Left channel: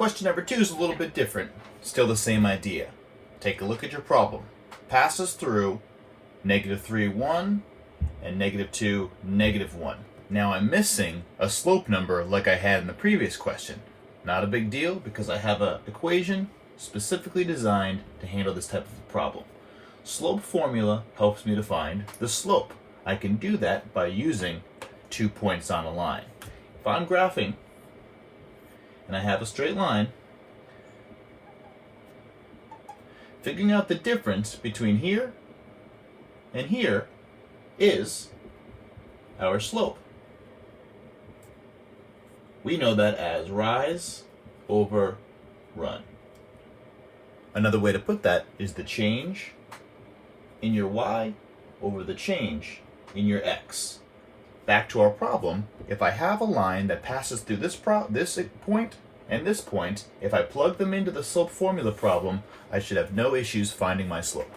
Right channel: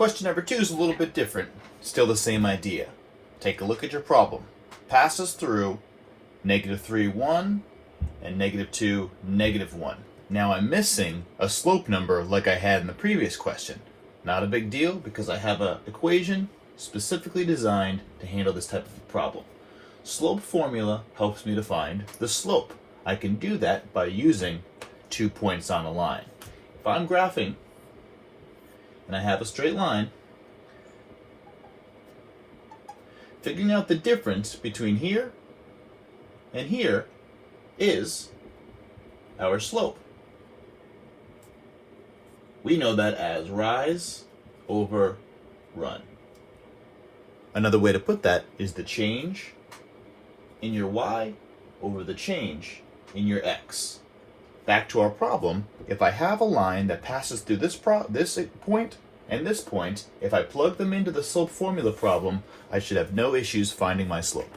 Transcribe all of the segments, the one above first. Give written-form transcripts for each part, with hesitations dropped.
Question number 2 is a little bit different. Still the same idea. Take a look at your problem. Passes through -3, 1, and -2, -1. Now I'm missing a slope number like I had in the previous question. Not a big deal because I have an equation specifically designed to handle this type of a problem. Slope formula helps me to find the slope. I can do that by using 2 points on a line. If I'm graphing and I have a straight line, figuring out the difference between here and here is our slope. We know that as rise over run. Another way to put that is the change in your y over the change in your x. Back to our problem, if I have a line that passes through this point and this point, if I plug them into the slope formula problem, I should have no issues finding my slope.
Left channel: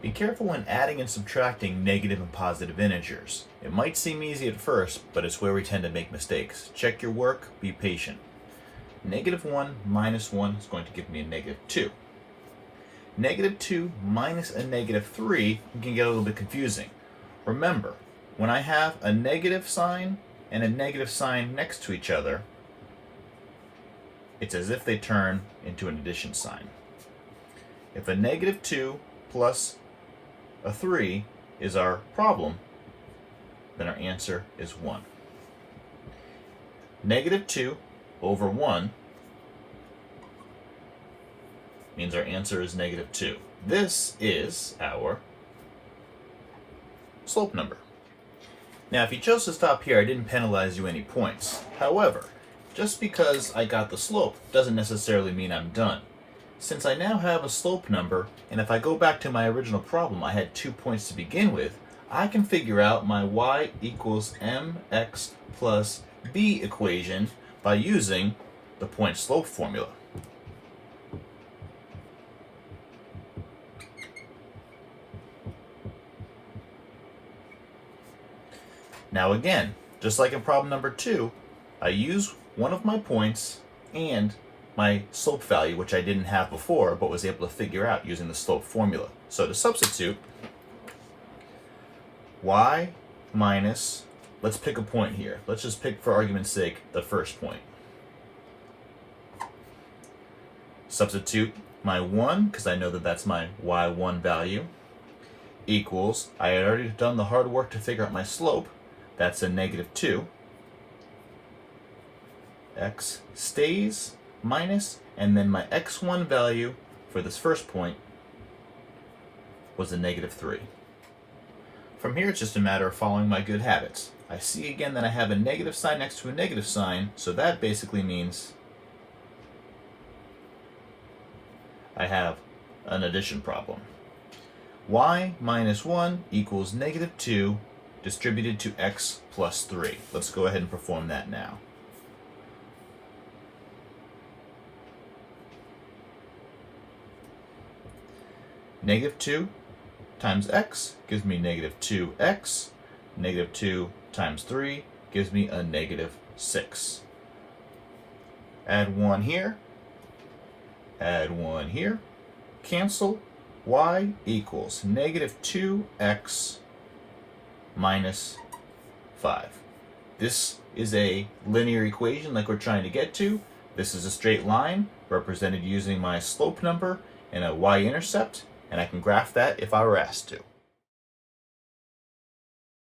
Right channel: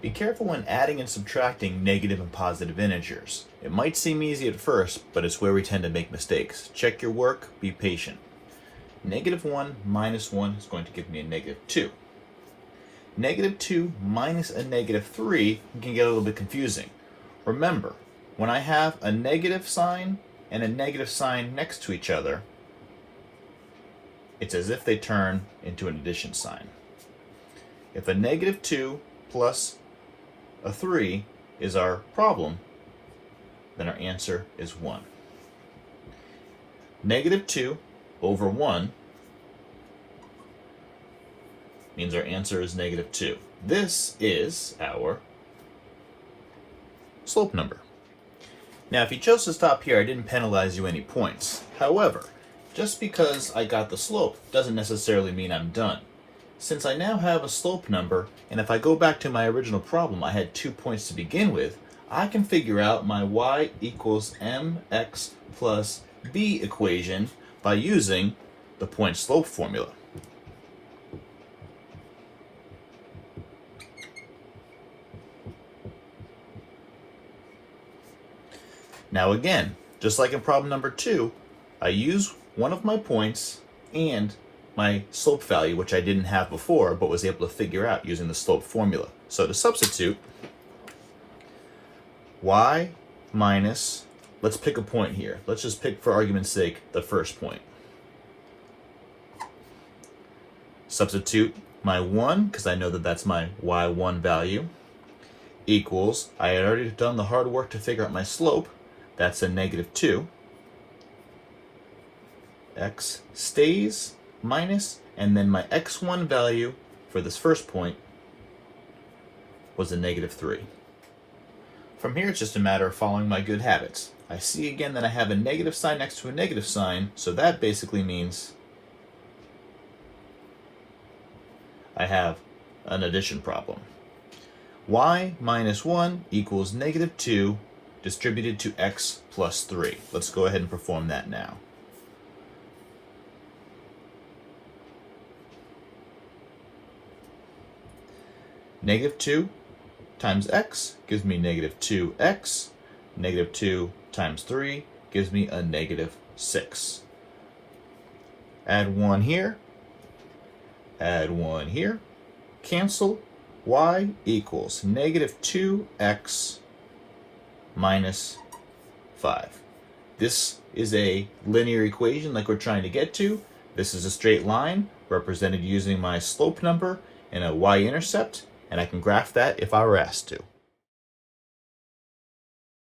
Be careful when adding and subtracting negative and positive integers. It might seem easy at first, but it's where we tend to make mistakes. Check your work, be patient. -1 minus 1 is going to give me a -2. -2 minus a -3 can get a little bit confusing. Remember, when I have a negative sign and a negative sign next to each other, it's as if they turn into an addition sign. If a -2 plus a 3 is our problem, then our answer is 1. -2 over 1 means our answer is -2. This is our slope number. Now, if you chose to stop here, I didn't penalize you any points. However, just because I got the slope doesn't necessarily mean I'm done. Since I now have a slope number, and if I go back to my original problem, I had 2 points to begin with, I can figure out my y equals mx plus b equation by using the point slope formula. Now again, just like in problem number 2, I use one of my points and my slope value, which I didn't have before, but was able to figure out using the slope formula. So to substitute, y minus, let's pick a point here. Let's just pick, for argument's sake, the first point. Substitute my 1, because I know that that's my y1 value, equals, I had already done the hard work to figure out my slope, that's a -2. X stays, minus, and then my x1 value for this first point was a -3. From here, it's just a matter of following my good habits. I see again that I have a negative sign next to a negative sign, so that basically means I have an addition problem. Y minus 1 equals -2 distributed to x plus 3. Let's go ahead and perform that now. Negative 2 times x gives me negative 2x. Negative 2 times 3 gives me a negative 6. Add 1 here. Add 1 here. Cancel. Y equals negative 2x minus 5. This is a linear equation like we're trying to get to. This is a straight line represented using my slope number and a y-intercept, and I can graph that if I were asked to.